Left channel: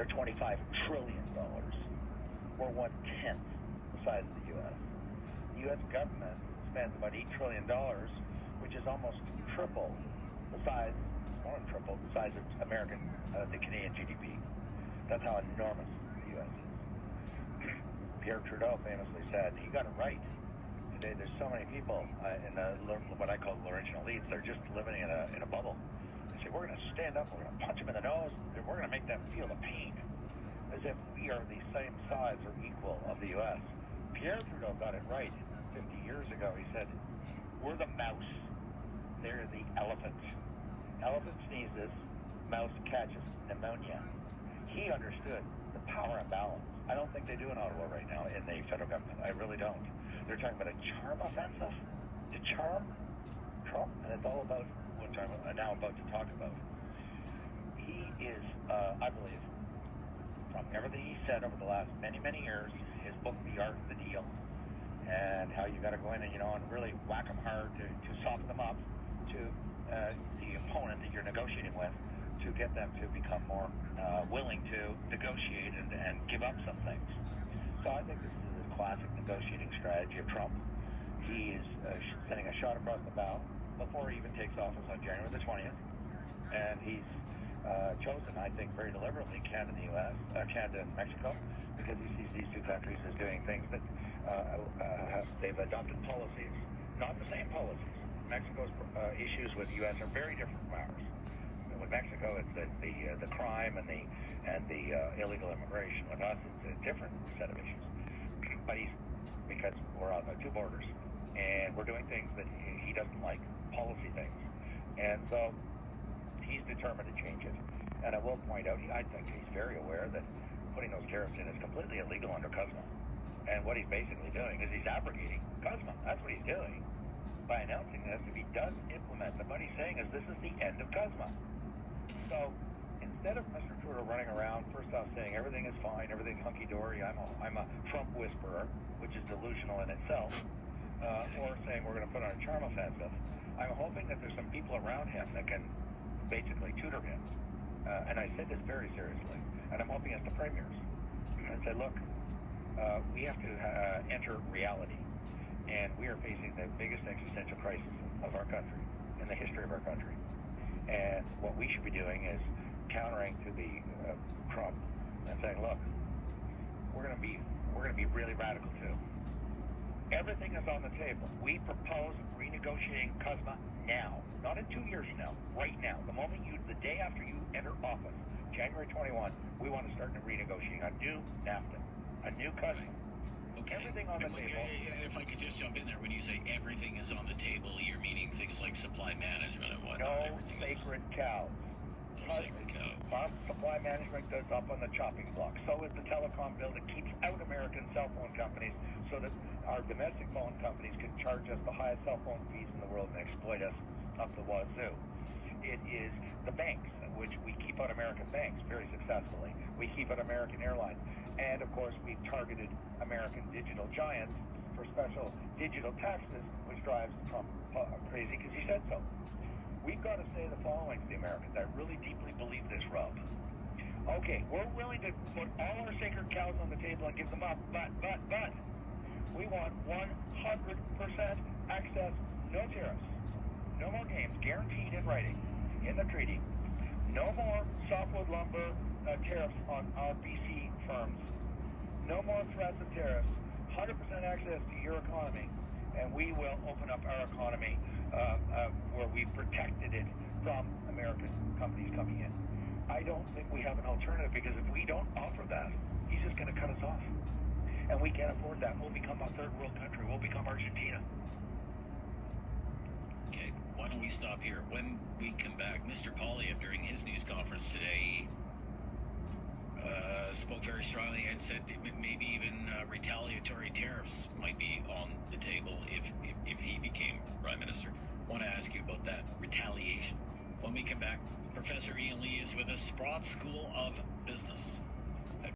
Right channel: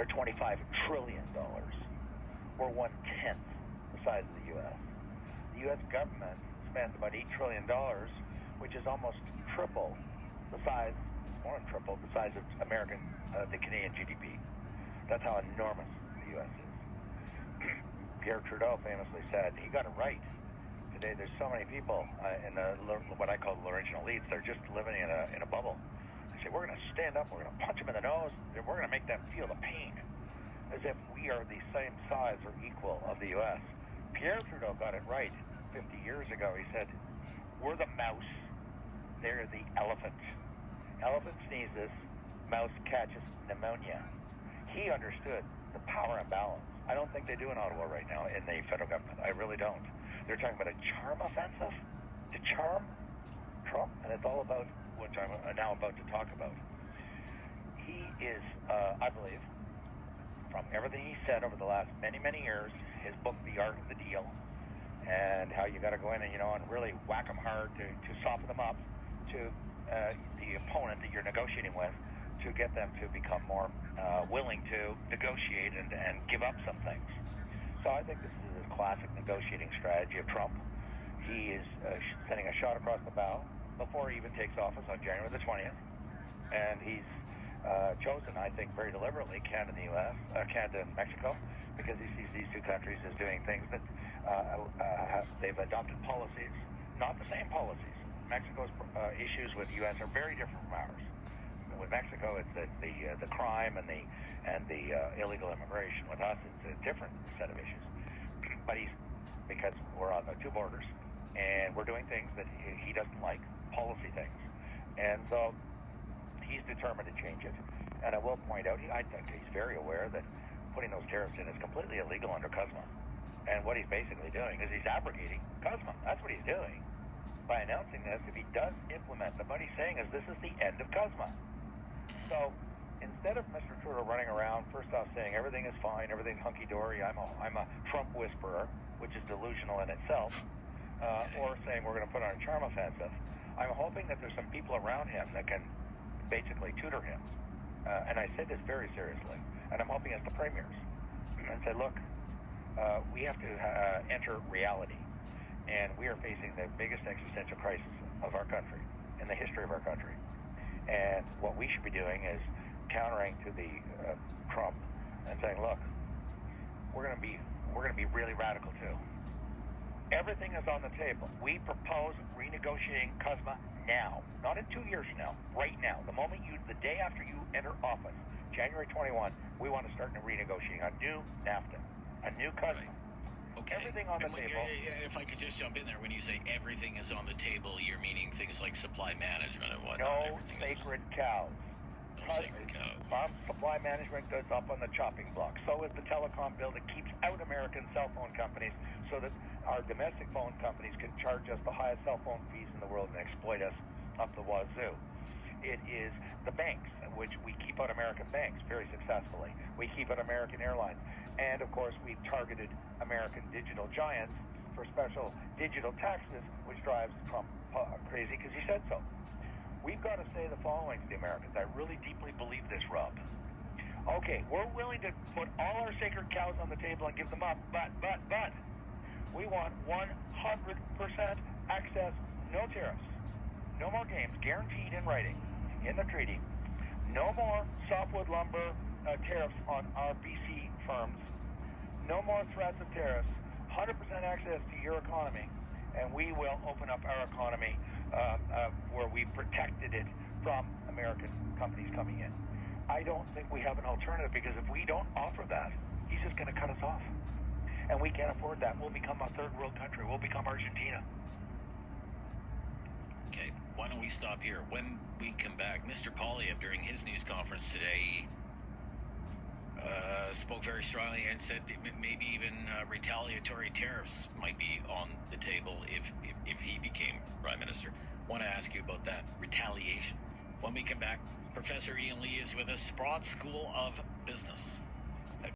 They're $25 trillion. We're 1/10 the size of the U.S. The U.S. government spends about $8 trillion, which is almost triple the size, more than triple the size of the Canadian GDP. That's how enormous the U.S. is. Pierre Trudeau famously said, he got it right. Today there's so many people in what I call the original elites, they're just living in a bubble. They say, we're going to stand up, we're going to punch them in the nose, and we're going to make them feel the pain, as if we are the same size or equal of the U.S. Pierre Trudeau got it right 50 years ago. He said, we're the mouse, they're the elephant. Elephant sneezes, mouse catches pneumonia. He understood the power imbalance. I don't think they do in Ottawa right now in the federal government. I really don't. They're talking about a charm offensive to charm Trump, and it's all about, which I'm now about to talk about. He is, I believe, from everything he said over the last many, many years, his book, The Art of the Deal, and how you got to go in and, and really whack them hard to soften them up to the opponent that you're negotiating with, to get them to become more willing to negotiate and give up some things. So I think this is a classic negotiating strategy of Trump. He is sending a shot across the bow before he even takes office on January the 20th. And he's chosen, I think, very deliberately Canada and the U.S., Canada and Mexico, because he sees these two countries as doing things that they've adopted policies, not the same policies. Mexico's issues with the U.S. are very different from ours. With Mexico, it's the crime and the illegal immigration. With us, it's a different set of issues. But because we're on the two borders, and we're doing things that he doesn't like, policy things. And so he's determined to change it. And I will point out, I think he's very aware that putting those tariffs in is completely illegal under CUSMA. And what he's basically doing is he's abrogating CUSMA. That's what he's doing by announcing this. If he does implement them, what he's saying is this is the end of CUSMA. So instead of Mr. Trudeau running around, first off saying everything is fine, everything's hunky-dory, I'm a Trump whisperer, which is delusional in itself, or saying we're going to put on a charm offensive, I'm hoping that there's some people around him that can basically tutor him. And I say this very seriously, and I'm hoping it's the premiers, and say, look, we have to enter reality, and we are facing the biggest existential crisis of our country, in the history of our country. And what we should be doing is countering to the Trump and saying, look, we're going to be really radical too. Everything is on the table. We propose renegotiating CUSMA now, not in 2 years from now, right now. The day after you enter office, January 21, we want to start renegotiating a new NAFTA, a new CUSMA. Right. Okay. Everything on the table. If I could just jump in there, when you say everything is on the table, you're meaning things like supply management and whatnot. No sacred cows. Farm supply management goes up on the chopping block. So is the telecom bill that keeps out American cell phone companies so that our domestic phone companies can charge us the highest cell phone fees in the world and exploit us up the wazoo. It is the banks, which we keep out American banks very successfully. We keep out American airlines. And, of course, we've targeted American digital giants for special digital taxes, which drives Trump crazy because he said so. We've got to say the following to the Americans. I really deeply believe this, Rob. Okay, we're willing to put all our sacred cows on the table and give them up, but we want 100% access, no tariffs, no more games, guaranteed in writing, in the treaty, no more softwood lumber tariffs on our BC firms, no more threats of tariffs, 100% access to your economy, and we will open up our economy where we protected it from American companies coming in. I don't think we have an alternative, because if we don't offer that, he's just going to cut us off. And we can't afford that. We'll become a third world country. We'll become Argentina. Okay, why don't we stop here? When we come back, Mr. Poilievre, during his news conference today, spoke very strongly and said maybe even retaliatory tariffs might be on the table if he became Prime Minister. I want to ask you about that retaliation. When we come back, Professor Ian Lee is with us, Sprott School of Business.